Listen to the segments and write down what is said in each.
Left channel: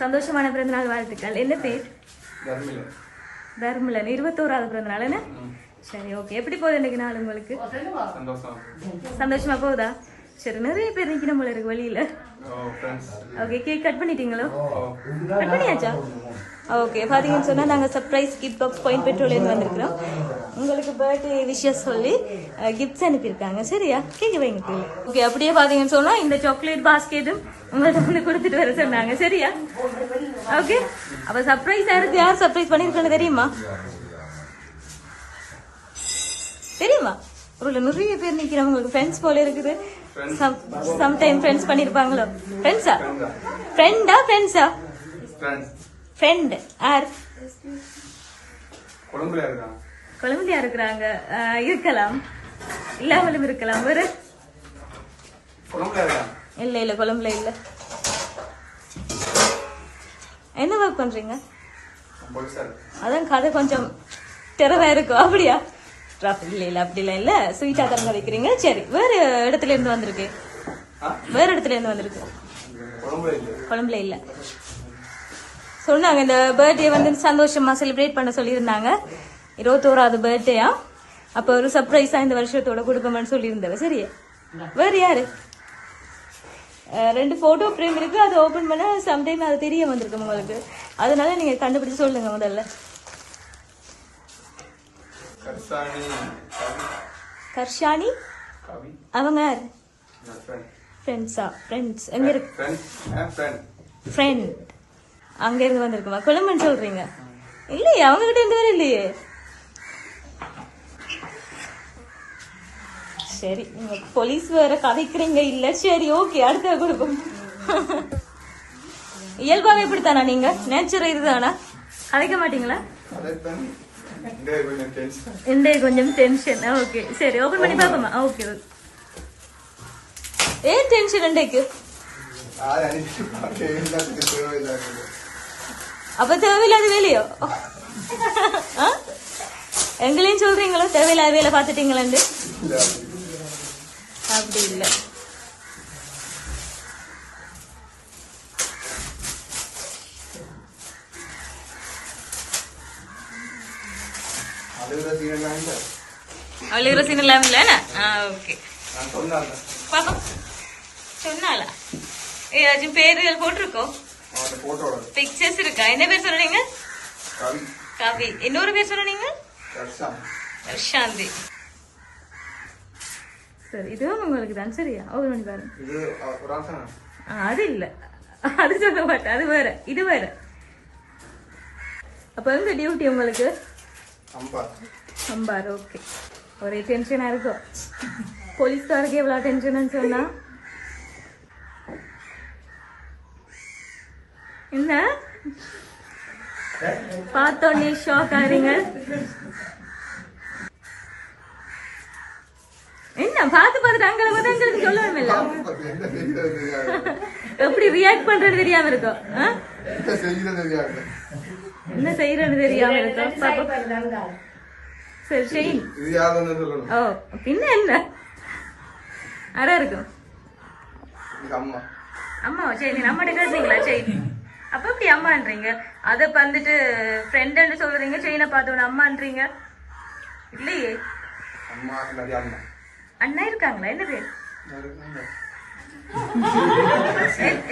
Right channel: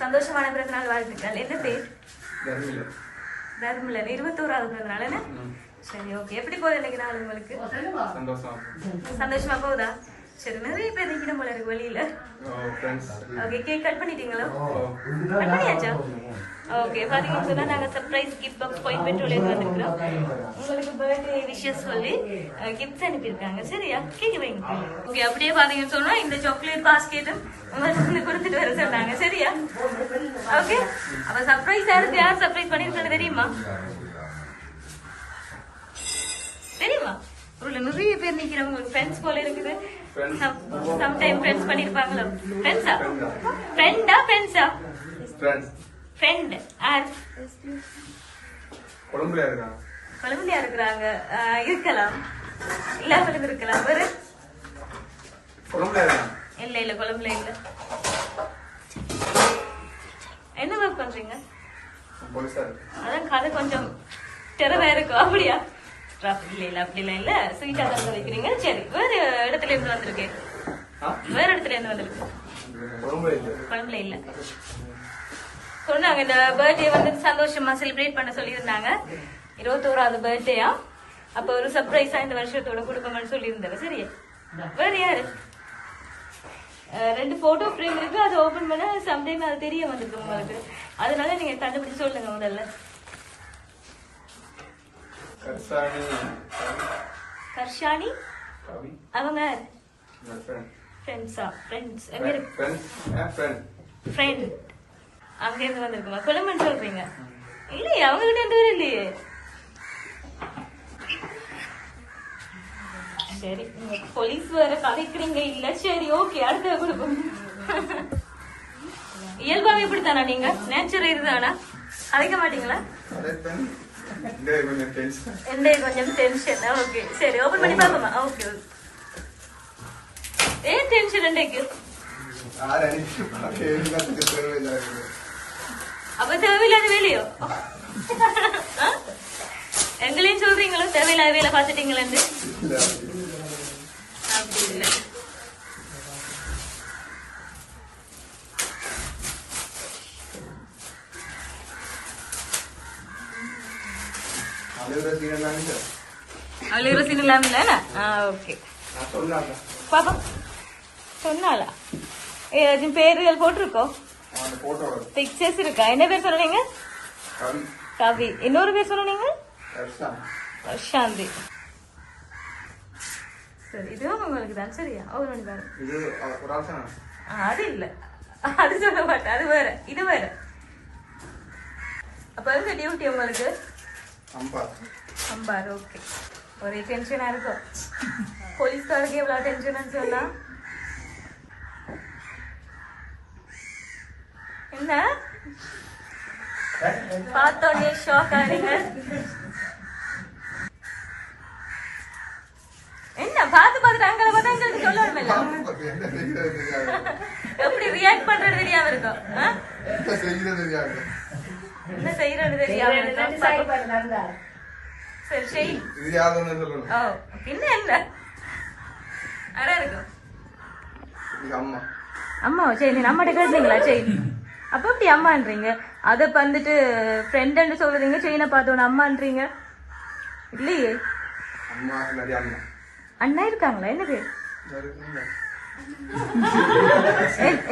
சந்தோஷமான பிறந்தநாள் வாழ்த்துக்கள். என்ன பேர்? தர்மில தர்மலன் இருபத்தோராவது பிறந்தநாள் என்ன? சரி ஓகே எப்படி போகுது இன்னைக்கு நாள் உங்களுக்கு? சந்தோஷம்? சந்தோஷமா. போகுதா? சரி நிறைய பேர் நிக்கணும் போல இருக்கு வெளியில. ஃப்ரெண்ட்ஸ் ஓகே கேக் கட் பண்ணிட்டீங்களா? ஓகே பாத்தீங்கன்னு சொன்னா நாங்க surprise gift box point petrol வந்திருக்கிறோம். பர்த்டே விஷஸ் சொல்லி கிஃப்ட்ஸ் அனுப்பியிருக்காங்க. சரியா? கீழே வைங்க ஓகே அப்படியே பாத்தீங்கன்னு சொன்னா இந்த சாக்லேட் பாஸ்கெட்டும் இந்த கொடுத்துட்டு வர சொன்னாங்க. சரியா? ஓகே அப்ப சர்ப்ரைஸ் யாருக்கு? யார் சர்ப்ரைஸ் பண்ணிருக்காங்க தெரியுமா? தெரியுமா? ஒரு நிறைய பேர் நிக்கிறவங்க உங்களுக்கு ஃப்ரெண்ட்ஸ் போல இருக்குது. சம்டைம் ஃப்ரெண்ட்ஸ் பண்ணிருப்பாங்களோ? ஃப்ரெண்ட்ஸா. ஃப்ரெண்டா ஃப்ரெண்ட்ஸா ஃப்ரெண்ட்ஸ் ஃப்ரெண்ட் யார்? கொழும்புல இருக்காங்க? குழந்தையா இருக்கிறாங்க. இருக்கலாம். இல்லாமலும் இருக்கலாம். ஒரு இல்ல இல்ல கொழம்புல இல்ல. என்ன ஒர்க் பண்றீங்க? அதான் கதை கொஞ்சம் திறமை இருக்கும். அப்படியா? அப்படி இல்ல இல்ல அப்படி இல்ல. இல்ல ஸ்வீட்டா தான் வைக்கிறீங்க. சரி வேற இடத்துல இருந்து வந்திருக்கு. வேற இடத்துல இருந்து வந்திருக்கு. கொழும்புல இல்லை. சொன்னாங்க இந்த பர்த்டே வந்து சந்தோஷமா செலிப்ரேட் பண்ண சொல்லியிருந்தாங்க. இருபத்தோராவது பர்த்டேயா அப்ப ஒரு சர்ப்ரைஸா இந்த வருஷத்தோட கொடுக்கணும்னு சொல்லியிருந்தாரு சரியா? வேற யாரு? ரெண்டு போட்டோ ஃப்ரேம் இருக்கு அதை ஓபன் பண்ணா சம்டைம் அது தெரிய வந்திருக்கு உங்களுக்கு அதனால நீங்க கண்டுபிடிச்சு சொல்லுங்க முதல்ல. கர்ஷானி அவங்க? ஃப்ரெண்ட்ஸா ஃப்ரெண்ட்ஸ் எங்க இருக்கு? ஃப்ரெண்ட் அங்க இருந்து வந்திருக்குமா? குழம்புன்னு சொல்றீங்க. இல்லையே அவங்க கிட்ட இருந்து இல்லையே. சரி நீங்க போலீஸ் வேற கதைக்கிறீங்க இல்ல சரி ஓகே அடுத்த கொடுக்கும் இயல்பாவே இப்படித்தானா நீங்க நேச்சர் இதுதானா கதைக்க மாட்டீங்களா அதே ஃப்ரெண்ட் இந்த கொஞ்சம் டென்ஷன் எந்த கொஞ்சம் டென்ஷன் ஓகே சரி ஓபன் பண்ணி பாப்போமா ஓகே ஏன் டென்ஷன் இன்றைக்கு ஆறு அனுப்பி பார்க்க அழுகிற ரசீன் இல்லாம இல்லைண்ணா ஆ ஓகே பாப்போம். சொன்னாலா ஏதாச்சும் பேர்கள் போட்டிருக்கோ? அவன் போட்டோட பிக்சர்ஸ் இருக்கா? என்ன பேர் சொன்னீங்க? கவி. இன்னொரு பேர் சாந்தி சரி இதுவும் உங்களுக்கு தான். சரியா? தானே அது இல்ல. அது சொல்ல மாட்டேன். அது வேற. இது வேற. அப்ப எங்க டியூட்டி உங்களுக்கு? அம்பா சம்பார் ஓகே ஒரே டென்ஷனா இருக்கும் போலீஸ்காருக்கு எவ்வளவு டென்ஷன் சொன்னா என்ன பார்த்தோன்னே ஷாக் ஆறீங்க என்ன பார்த்து பார்த்துட்டு அங்கே பார்த்தா எங்களுக்கு சொல்லணும் இல்லை என்ன செய்யறது தெரியாது எப்படி ரியாக்ட் பண்றது தெரியாம இருக்கும்? என்ன செய்யறது தெரியாது. சரி சரி. இது யாருன்னு சொல்லணும். ஓ பின்ன என்ன? அட இருக்கும் எங்க அம்மா. அம்மா சரி நீ நம்மகிட்ட கேட்டீங்களா சரி. அப்ப அம்மான்றீங்க? அதை வந்துட்டு ஃப்ரெண்டுன்னு சொல்றீங்க செயினை பார்த்தோன்னு அம்மான்றீங்க? இல்லையே. அம்மா அண்ணா. அண்ணா இருக்காங்களா? என்ன பேர்?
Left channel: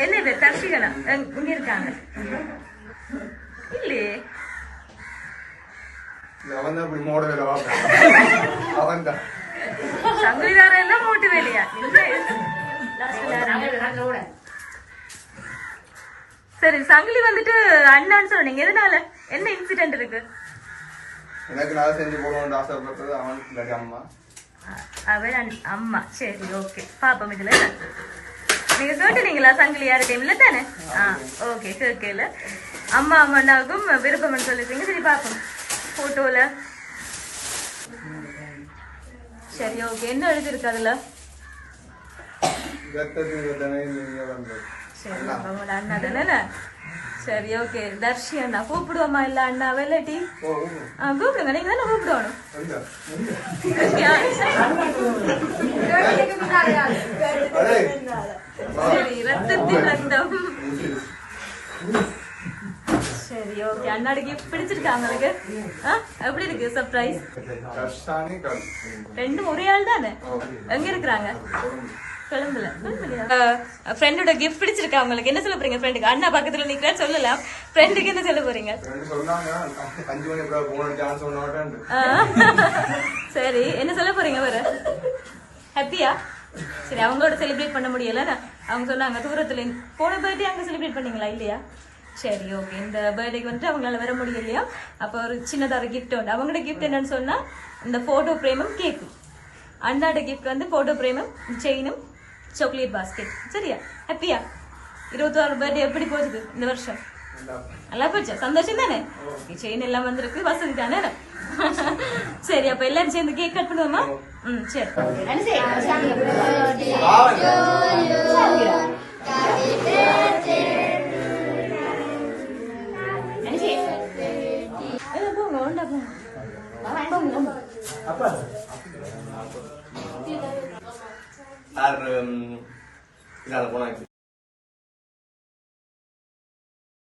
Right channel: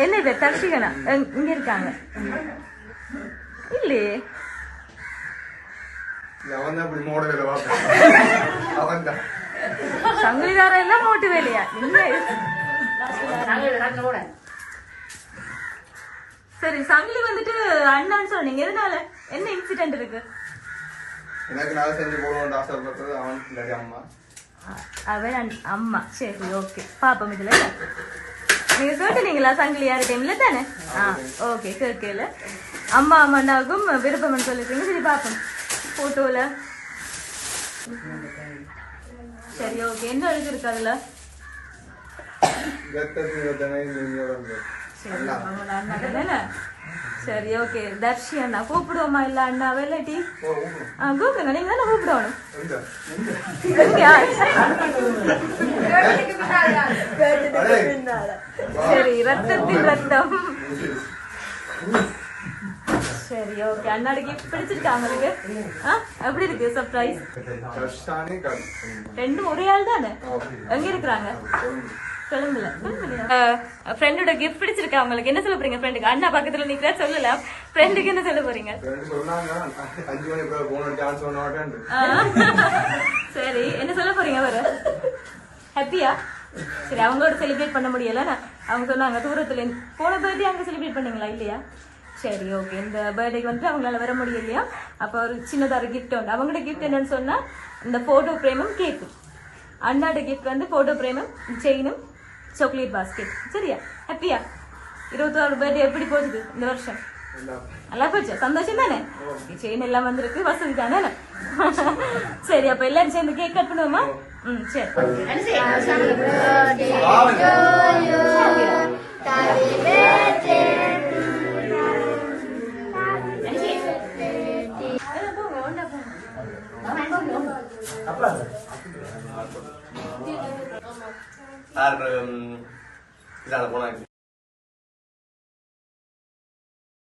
என்ன பேர்? தர்ஷிகனா? இங்க இருக்காங்க. இல்லையே இல்ல, அவன் தான் இப்படி மோட வேலை பார்ப்பான் அவன் தான் சங்கிலிதாரம் எல்லாம் மோட்டு வேலையா சரி சங்கிலி வந்துட்டு அண்ணான்னு சொன்னீங்க எதனால என்ன இன்சிடென்ட் இருக்கு எனக்கு நான் செஞ்சு போடுவோம் ஆசைப்பட்டது அவன் இல்லாட்டி அம்மா அவன் அம்மா சரி ஓகே பாப்போம் இதுல நீங்க கேட்டுனீங்களா சங்கிலி யாரு டைம்ல தானே? ஆ ஓகே கேட்கல அம்மா அம்மாண்டாவுக்கும் விருப்பம்னு சொல்லிருக்கீங்க சரி பாப்போம் போட்டோல சரி ஓகே என்ன எழுதிருக்கு அதுல. சரி ஓகே தர்ஷி அண்ணா கூப்பிடுவோமா? இல்ல அண்ணா வெள்ளட்டி கூப்பிடுங்க. நீங்க தானே கூப்பிடணும்? எங்க? சரி ரத்தத்தின் ரத்தம் சரி ஓகே அண்ணாடு gift பிடிச்சிருக்கா ஆ எப்படி இருக்கு? சர்ப்ரைஸ் ரெண்டும் ஒரே ஆள் தானே? எங்க இருக்கிறாங்க? கொழும்புல ஃப்ரெண்டோட கிஃப்ட் பிடிச்சிருக்கா உங்களுக்கு? என்ன சொல்ல போறீங்க ஃப்ரெண்டுக்கு அண்ணா பக்கத்துல நிக்கிறா சொல்லலாம் ஃப்ரெண்டுக்கு என்ன சொல்ல போறீங்க? சரி என்ன சொல்ல போறீங்க வர ஹாப்பியா சரி அவங்களோட செலிப்ரேட் பண்ண முடியல. அவங்க சொன்னாங்க தூரத்துல போன பர்த்டே அங்க செலிப்ரேட் பண்ணீங்களா இல்லையா? சரி ஓகே இந்த பர்த்டேக்கு வந்துட்டு அவங்களால வர முடியலையா? அப்போ ஒரு சின்னதாக ஒரு கிஃப்ட் உண்டு. அவங்களோட கிஃப்ட் என்னன்னு சொன்னா இந்த போட்டோ பிரேமும் கேக்கும் அண்ணாட கிஃப்ட் வந்து போட்டோ பிரேமும் செயினும் சாக்லேட் பாஸ்கெட் சரியா? ஹாப்பியா இருபத்தாறு பர்த்டே எப்படி போகுது இந்த வருஷம்? நல்லா போச்சு சந்தோஷம் தானே செயின் எல்லாம் வந்திருக்கு வசதி தானே சரி அப்ப எல்லாரும் சேர்ந்து கேக் கட் பண்ணுவோமா ம் சரி யார் இதால போனா